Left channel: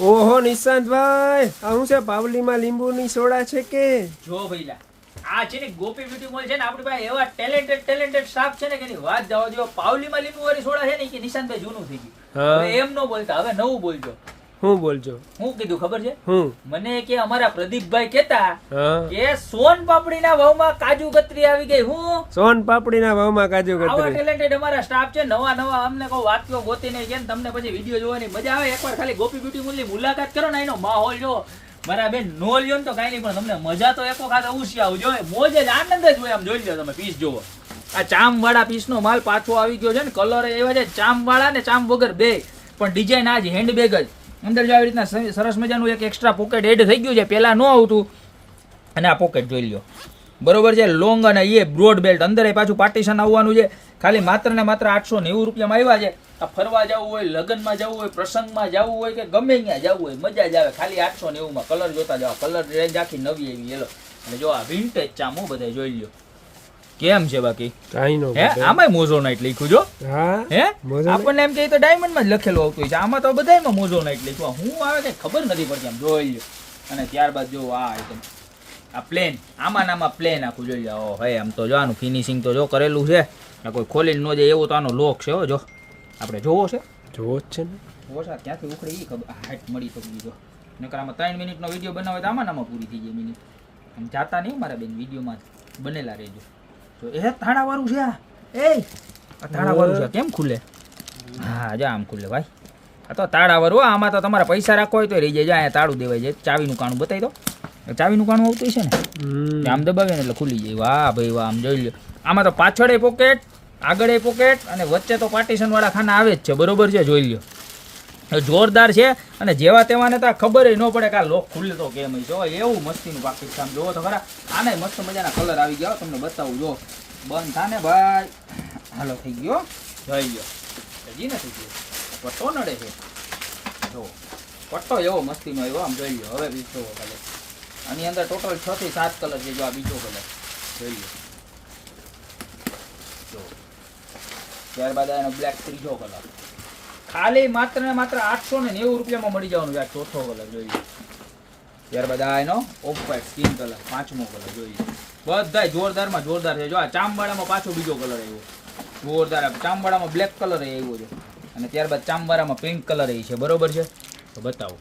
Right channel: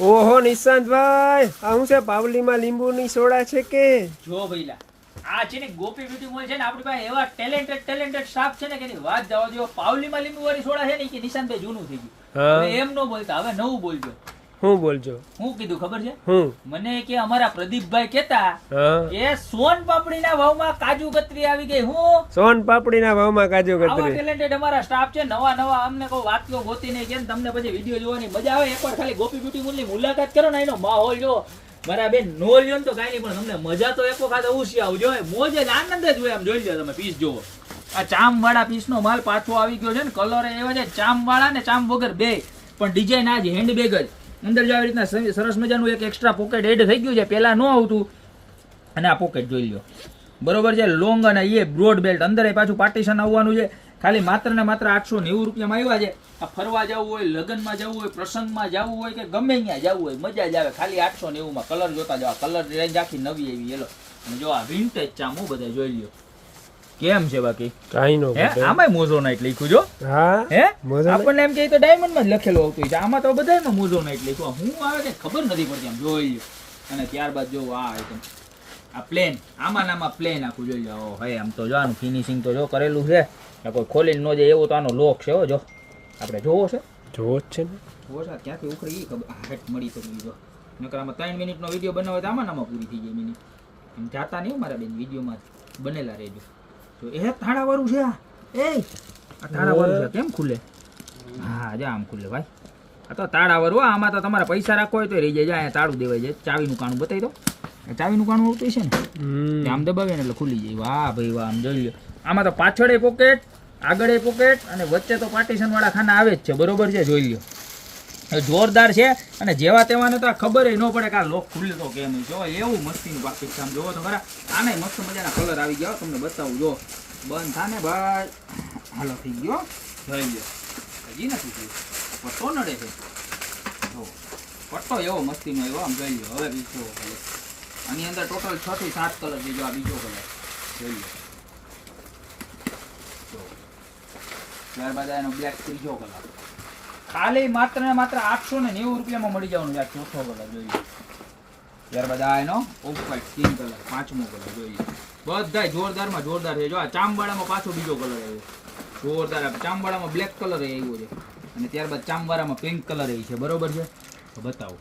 ઓહો નિશાંતભાઈ, આ શું છે? પાવલીમાં લીંબુની સોડા છે કે? જો ભઈલા, આ છે ને ગોપી બ્યુટી મોલ છે ને, આપણી પાસે એવા ટેલેન્ટેડ સ્ટાફ છે ને કે એની વાત જવા દો. પાવલીમાં લીંબુ વાળી સોડા છે ને કે નિશાંતભાઈ જૂનું થઈ ગયું. હવે એમ ન બોલતા, હવે નવું બોલજો. હું બોલજો? હું કીધું ખબર છે? હું મને કે અમારા પ્રદીપભાઈ કેતા કે સોન પાપડીના ભાવમાં કાજુ કતરી આવી ગઈ. હું સોન પાપડીના ભાવમાં કાજુ કતરી. ટેલેન્ટેડ અમારા સ્ટાફ છે, નવા અમને કહો વાક્યો ગોતીને કે તમને પછી વિડીયો જોવાની મજા આવે. એકવાર ખાલી ગોપી બ્યુટી મોલની મુલાકાત કરો ને, એનો માહોલ જો મારા બેન નો લ્યો ને તો કાંઈ નહીં, પણ તમને મજા તો એક વખત અવશ્ય આવજો. મોજ જ આનંદ જ હોય. આમ જોઈ લો તમે પીસ જોવો, આ ચામ વાળા પીસ નો માલ પાછો આવી ગયો છે ને, કલર એવો છે ચામ વાળા ને ચામ વગર બે, પણ ડિઝાઇન આજ હેન્ડબેગ જ. અંદર જો આવી રીતના સરસ મજાનું એક એક્સ્ટ્રા પોકેટ એડ થઈ ગયું છે, પેલા ન આવતું. અને આ પોકેટ જોઈ લો, બરોબર છે, લોંગ અને એ બ્રોડ બેલ્ટ. અંદર પાછું પાર્ટીશન આવવાનું છે. ખાલી માત્ર ને માત્ર 890 રૂપિયામાં આવ્યા છે. આ ફરવા જવું હોય, લગ્નમાં જવું હોય, પ્રસંગમાં જવું હોય કે ગમે ત્યાં જવું હોય, મજા જ આવે. ખાલી 890 માં કલર જોતા જાવ. કલર રેન્જ આખી નવી આવી એલો. અને જો આ વિન્ટેજ ચામું બધા જોઈ લો કેમ છે. બાકી કાઈ નો આમાંય મોઝોનાઇટ લખ્યું જો. હા હે આપણને એમ કે તો ડાયમંડ માં જ લખેલું આવતું છે, આમાં તો બધામાં મોઝોનાઇટ લખ્યું. હું આવે કે ખબર નથી પડતી, આમ જોઈ લો. અને ત્યારબાદ જો આ પ્લેન, આમાં પ્લેન આખું જોઈ જાઓ. હે આમ તો જો આનું ફિનિશિંગ તો જો કરેલું છે, કોઈ ખોલીને ન જાય એવું તો આનો લોક છે. જો આપણે જોવો છે, જોવો જ છે ને. જોવો છે ક્યાંથી ઉખડી ખબર હાઈટ મળી તો બીજો. નકર આમાં 3 મિનિટનો વિડીયો બનાવે તો આમાં પૂરી થઈ જાય મિનિટ. આમ જાતા નહીં મારા બેન, વિડીયોમાં બનેલા રહેજો. તો એ તાળાવાળું છે. આ તાળાવાળું છે, કેમ ખુલે? હા જો આમ ખુલે ભાઈ. આ તો તાળાવાળું. આમાં તો તમારા પૈસા રાખવા હોય તો રહી જાય. અહીંયા તાળું દેવાય જાય. ચાવીનું કાણું બતાવી દો. ચાવીનું કાણું આવતું છે ને, આમ દબાવે ને એટલે ખુલી જાય. વાહ ભાઈ વાહ, આમ જોઈ લો. આમાં તો પાછળ પોકેટ, આગળ પોકેટ અને વચ્ચે તો પાર્ટીશન વાળા ખાના આવે જ છે, બરોબર છે. જોઈ લો, જોરદાર છે. અને જેવા તેવાને તો ખબર ન પડે કે આ લોક ખુલે તો કેમ. જો એવું મસ્તીનું પાકિસ્તાન જોવો તો ખરા. આને મસ્ત મજાના કલર આવી ગયા, તમને બતાવું. જો બંધ થાને ભાઈ, હાલો થઈ ગયો. જોઈ લો, હજી નથી થયું. પટ્ટો નડે છે. જો પટ્ટો એવો મસ્તીનો એવો, આમ જોઈ લો. હવે બીજો કલર આની અંદર ટોટલ 6 થી 7 કલર છે. જો આ બીજો કલર જોઈ લો. ત્યારબાદ એનો બ્લેક ત્રીજો કલર. ખાલી માત્ર ને માત્ર 890 રૂપિયામાં મળી જવાનું છે. આ ચોથો કલર જોઈએ. ત્યારબાદ આ એનો ઓફ વ્હાઇટ સ્કિન કલર, 5મો કલર જોઈએ. બધા જોરદારમાં જોરદાર છે. જો આ ચામવાળામાં પાછો બીજો કલર આવ્યો, જોરદાર. ચામવાળામાં બ્લેક કલર આવ્યો છે. અને ત્યારબાદ ચામવાળામાં પિંક કલર છે, બરોબર છે. તો બતાવો.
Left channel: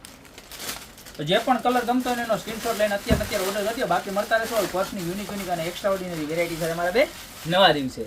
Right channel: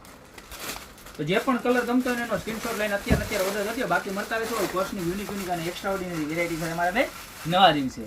તો જે પણ કલર ગમતો હોય એનો સ્ક્રીનશોટ લઈને અત્યારે ઓર્ડર કરજો. બાકી મળતા રહેશો પર્સની યુનિક અને એક્સ્ટ્રા ઓર્ડિનરી વેરાયટી સાથે મારા બે નવા દિવસે.